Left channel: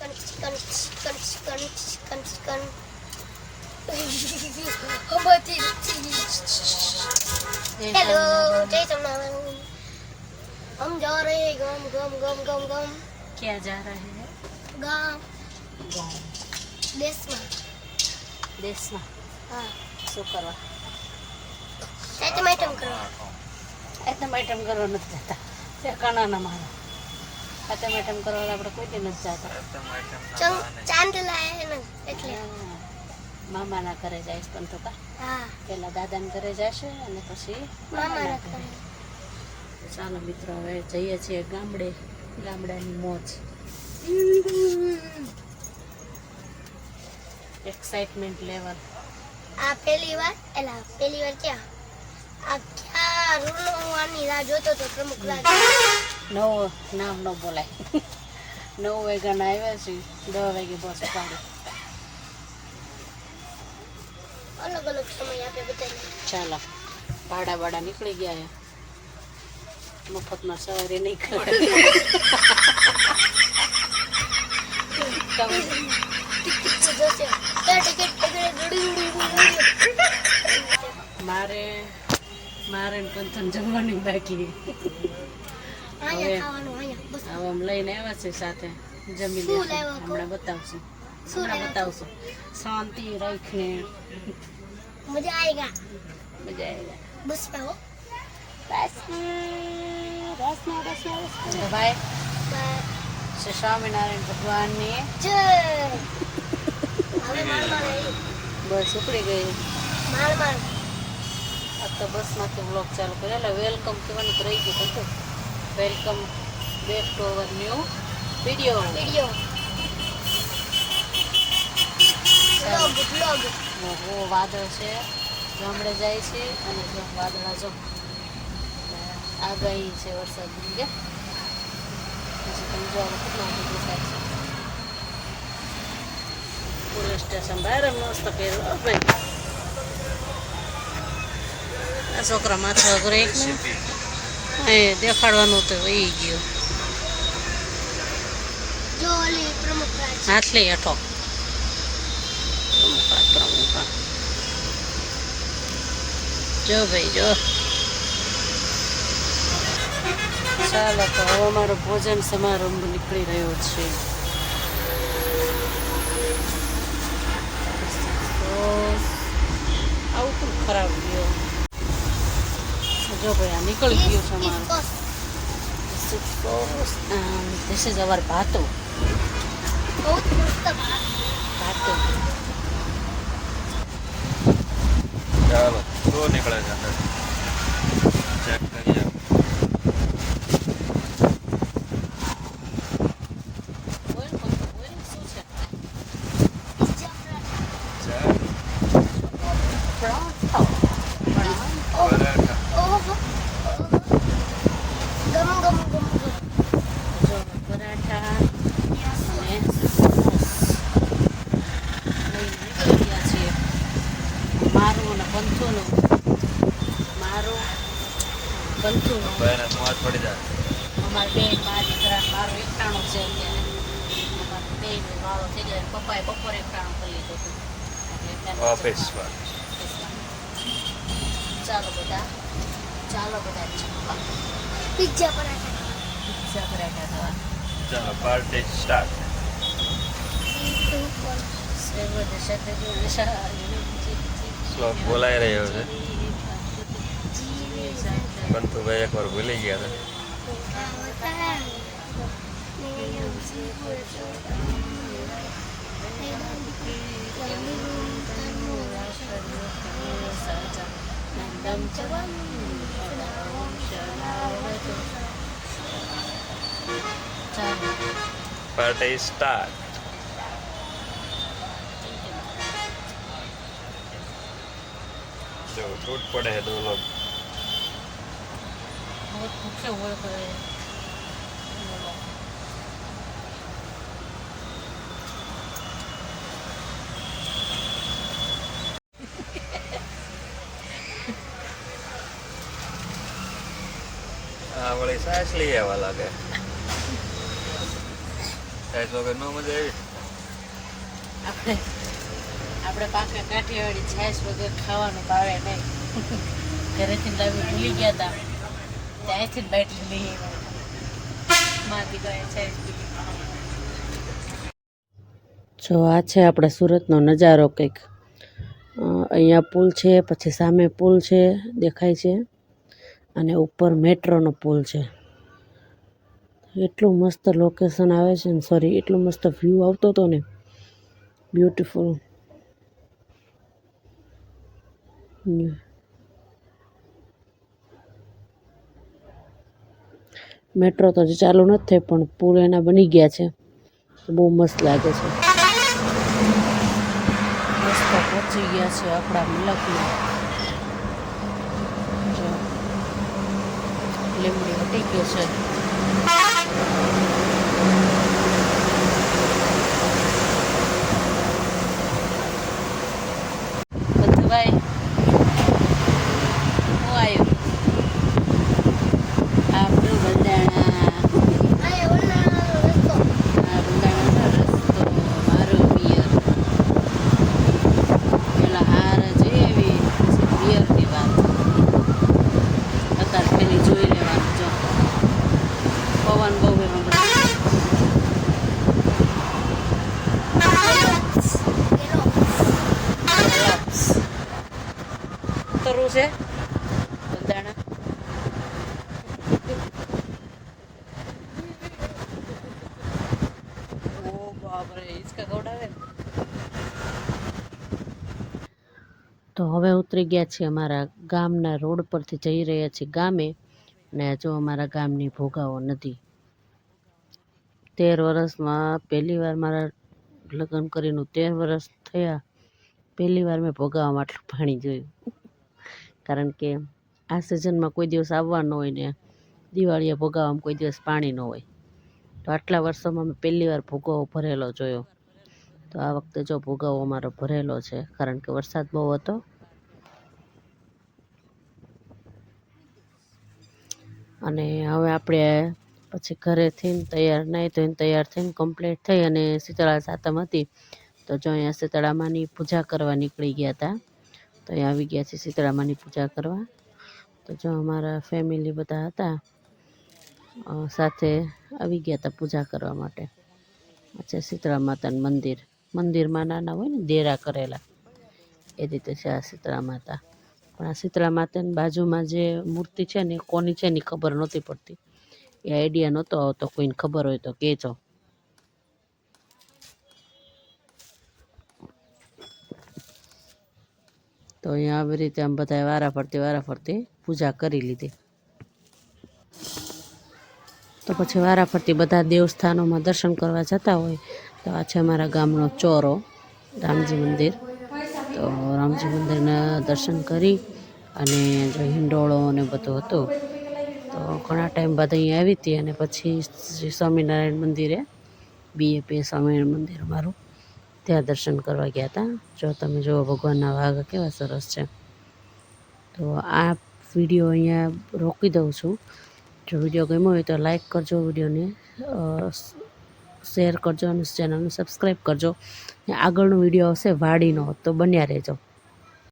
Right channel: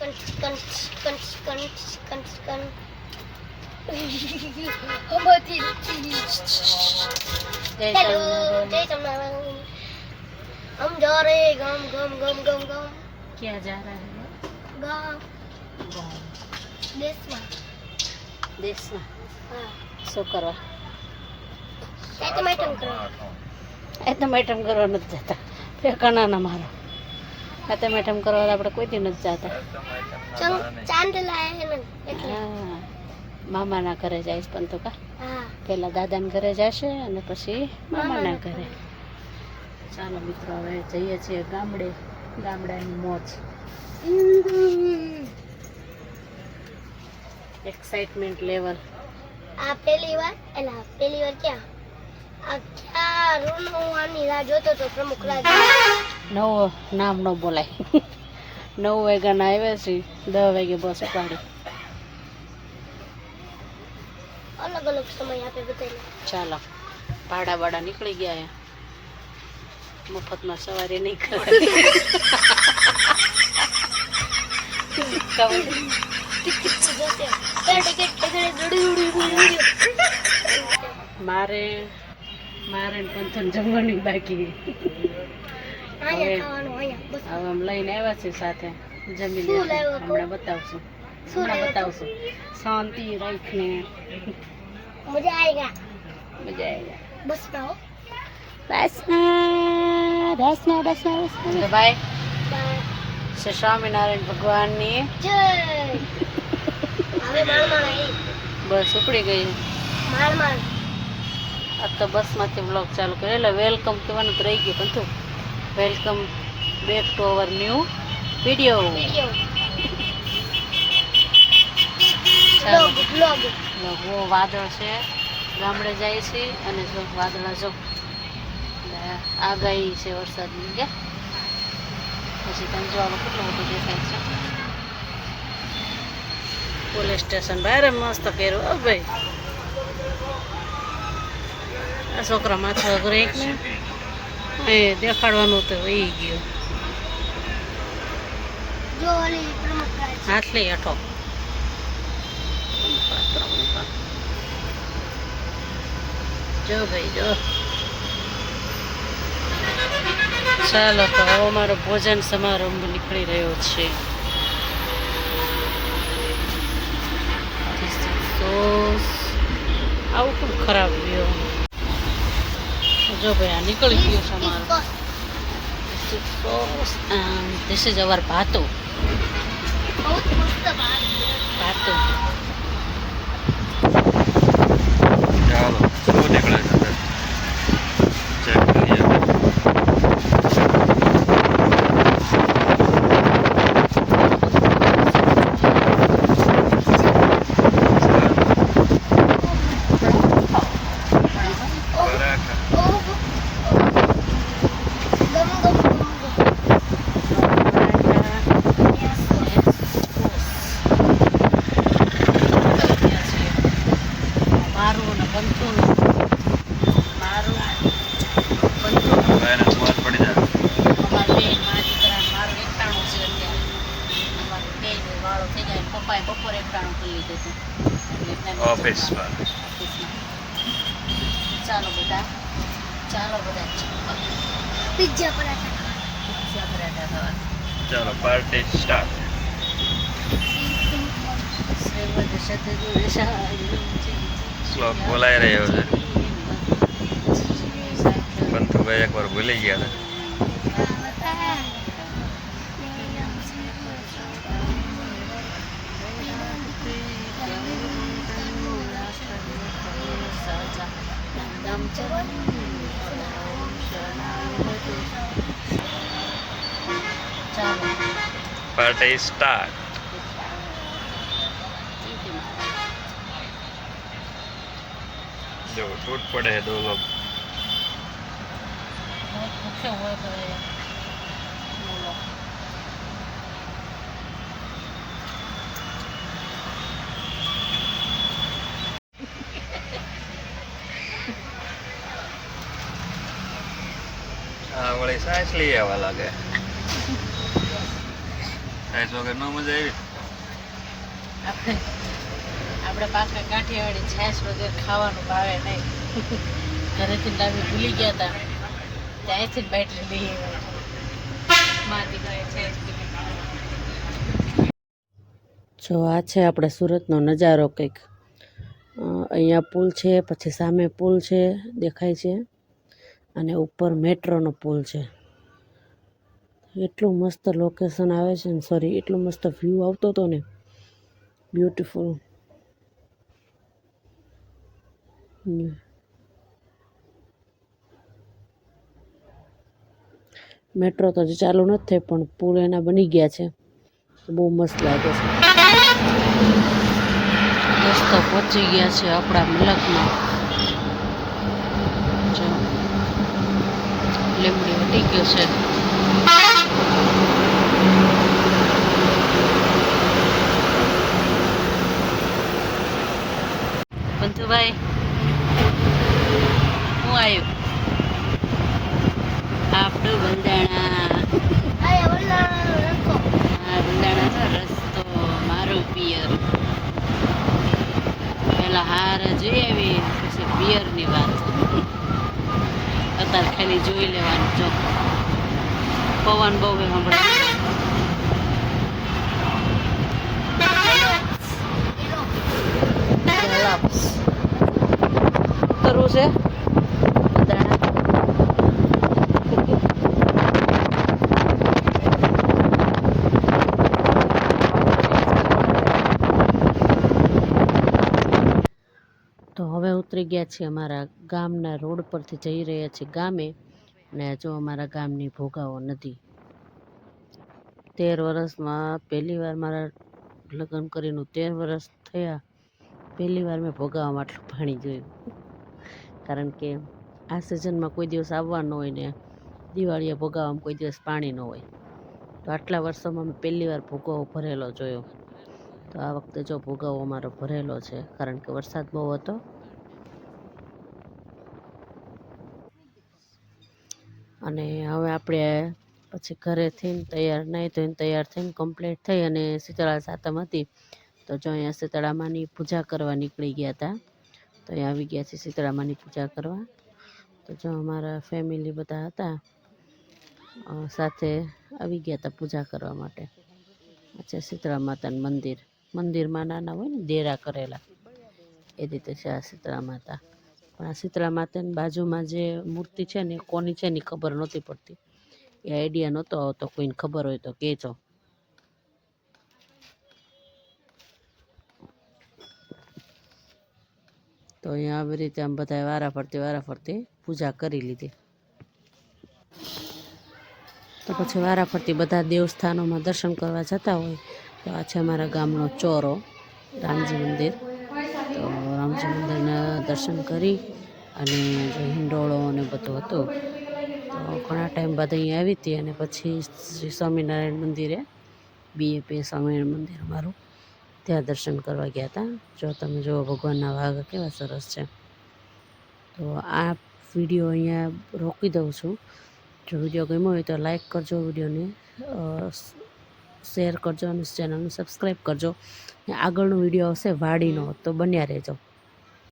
Chicken chicken chicken chicken chicken hello जय जगन्नाथ हम जा रहे हैं गांव गांव गांव गांव गांव क्या जा रहा है गांव गाँव देश में देश में हाँ શું કરો चाचा मैडम करो તો મેટમ કરવા નથી જતા ઠેકાણા ના મારો આ તો મેટમ કરવા આપણે કોઈ દી નથી જતા चांद लाया है ना એટલે હા, મામાના ઘરે જઈશ પણ તો કા हाँ પહેલાં દાદાના ઘરે જશે અને પછી મામાના ઘરે ચાલો મિત્રો હવે જઈએ છીએ ગામડે ગામડાની મોજ એક્સાઇટમેન્ટ લેવલ આ પહેલી વાર क्या આ क्या રૂનો આની રાહ જોતો તો પ્રમુખ રાજ નવો નામ ન બોલાય 9 વાગ્યાના આવ્યા છીએ 10 વાગે બસ ઉપાડી અલગ અલગ સમય આપે બધાને ચાલો ભાડા બાડા નીકળી ગયા મફતમાં સવારે નહીં કરે મારે મારે પંથન જમવાની બાકી હવે આમ લઈને આવ્યા છે સાથે જમી શું લે લાવ્યો તો? હમણાં બતાવશું શાંતિ રાખને मजा आएगा મજા આવી बस ना हो તો ભાઈ શ્રી સ્વામિનારાયણ ભગવાનની जय अरे मार मार आई બસ ઉપડી ગઈ मार मार આ તો બસમાંથી વ્લોગ ચાલુ કર્યો એટલે વેલકમ કહેવાનું તો રહી ગયું બધું welcome back to our new video video ચાલો ब्लॉग બહુ વાદળ છે ગામડે જાય છે અને જો વાદળા જો આગાહી છે વરસાદની કે પછી તમે જો આમાં કેટલું બધું દેખાય છે પોલીસ સ્ટેશન બહાર મસ્ત કર્યું હો ભાઈ આ છોકરા માથા વગર એક ને એ દેખાડવાનું તો વહી ગયો जो वाले प्रमुख राज હાથ લઈ હઠો જો ભાઈ જો ચાલો તો હવે અમારો ભોજન સમારંભ નીકળી રહ્યો છે તો આવું કેમ ખરાબ ગયો જો ભાઈ આ નીકળી ગયો છે અમારો ધીસ ઇઝ અવર ભાતો बहुत मस्त बात ભાતો ચાલો તો નીકળે છે અંદર ચેક કરીએ પરાઠા ओह गम गम गम મારું ને પંચુનું મારું પંચુનું ભાઈને મોજ પડી જાય અમારે બે મા દીકરા મારું એકટાણું છે અત્યારે અમારું બે વાળો થઈ જાય પપ્પાએ બપોરે એકટાણું કરી લીધું હતું એટલે ઓફિસ પર ચાલો બધા पिज्जा पराठा પિઝા પરાઠા ખાવા ચાલો પાર્ટી સ્ટાર્ટ શ્રીમદ સદગુરુ સાહેબ શ્લોક બોલાઈ રહ્યો છે બંતુભાઈ એકવાર ભૂલી ગયા ચાલો પાર્ટી સ્ટાર્ટ જો ટूट पड़े हैं दो लोग ભૂખ્યો હોય તો हाँ वही सांस लिए वाला लगे છાશ વગર ન મજા આવી. આપણે પાછા કાઠિયાવાડી છાશ વગર ખાવાનું ભાવે નહીં. ઘરેથી લાવી ભૂલી ગયા હતા ત્યાંથી બેટરી બી માથી ગયા છાશ પીધી. જો આ છે આપણે સુરતનો નજારો કંઈક. અહીંયા પુલ છે, પછી સામે પુલ છે દેખાય છે, અને ઉપર મેટ્રોનો પુલ છે. એટલું મસ્ત લોકેશન આવે છે ને, સોરી, એટલો મસ્ત વ્યૂ આવતો હતો ને, બ્યુટીફુલ. મેટ્રો તો હજી ચાલુ નથી થઈ, પણ પુલ એના બની ગયા છે. બહુ મસ્ત લાગે છે. રસ્તો પહોંચી ગયા છે આપણા મલકમાં. જો લીમડી વટી ગયો છે. બધુભાઈ હું આવ્યું આપણું બંધાણા. આ ઓલા રસ્તો આ બંધાણા છે રસ્તો મારું પિયર. પેલા હાર જોઈ આવી, પછી પિયરની વાત. અત્યારે ખાલી જોઈ લેવાનું. જો પવન બહુ હમણાં કરવું છે દાણા. તો હવે ઉતરી ગયા છીએ અમારા ગામના રોડ પરથી, જઈ રહ્યા છીએ ગામે. અને જો અમારા ગામની ભોગાવો નદી. 13 વર્ષમાં પહેલી વાર મારા લગ્ન કરીને 13 વર્ષ થયા, પહેલી વાર મેં ભોગાવામાં આટલું પાણી જોયું. કારણ કે આ સિઝનમાં કોઈ દિવસ આવવા ન હોય ને દિવાળીએ ભોગાવામાં કોઈ દિવસ પાણી ન હોય. તો આટલા વર્ષોમાં મેં પહેલી વાર ભોગાવો ભરેલો જોયો. તો આ વખતે જો ભોગાવો અમારો ભરેલો છે, કારણ કે વરસાદ બહુ હતો. અને હવે આપણે પછી ઘરેથી તૈયાર નાહી ધોઈને તૈયાર થઈને કમ્પ્લીટ થઈ, અને શીતળા સાતમ હતી તો જો અહીંયા શીતળામાની પૂજા કરવા નીકળી ગયા હતા. તો અહીંયા આવી ગયા છીએ શીતળામાની પૂજા કરવા. તો જો અમારા ફેમિલી બધા હતા, સાથે આવી ગયા હતા પૂજા કરવા માટે. આ છે શીતળા માતાનું મંદિર. મંદિરમાં નાના હોય ને દેરા કરેલા, એ રીતે છે આ શીતળા માતા. પણ આ શીતળા માતાની બાજુમાં જે મૂર્તિ છે ને એ કોની છે ને ખબર નહોતી પડતી. એ આઈડિયા નહોતો આવતો. કોઈને ખબર હોય તો કહેજો. તો અહીંયા આવી રીતે આમ બધાએ વારાફરતી પૂજા કરી લીધી. તો પછી વારાફરતી બધા દેવસ્થાનોમાં દર્શન કરવા જતા હોય. તો આ છે અમારા ગામનો ચોરો, રામજી મંદિર. તો રામજી મંદિરના દર્શન કરી અને જો હિંડોળો અને બધું હતું. તો ઘણા ટાઈમ બાદ અહીંયા આવી હતી, અને પછી શ્રી સ્વામિનારાયણ મંદિરે, BAP સ્વામિનારાયણ મંદિર અમારું, ત્યાં દર્શન કરવા ગયા હતા. જો તમે જુઓ ભગવાનના વાઘ કેવા સરસ છે. તો આ વિડીયો અહીંયા રોકી દઉં છું. જો વિડીયો ગમ્યો હોય તો લાઈક કરજો, વિડીયોને શેર કરજો અને ચેનલને સબસ્ક્રાઈબ કરજો. આગળનો વિડીયો આવશે વાડીનો, તો બન્યા રહેજો.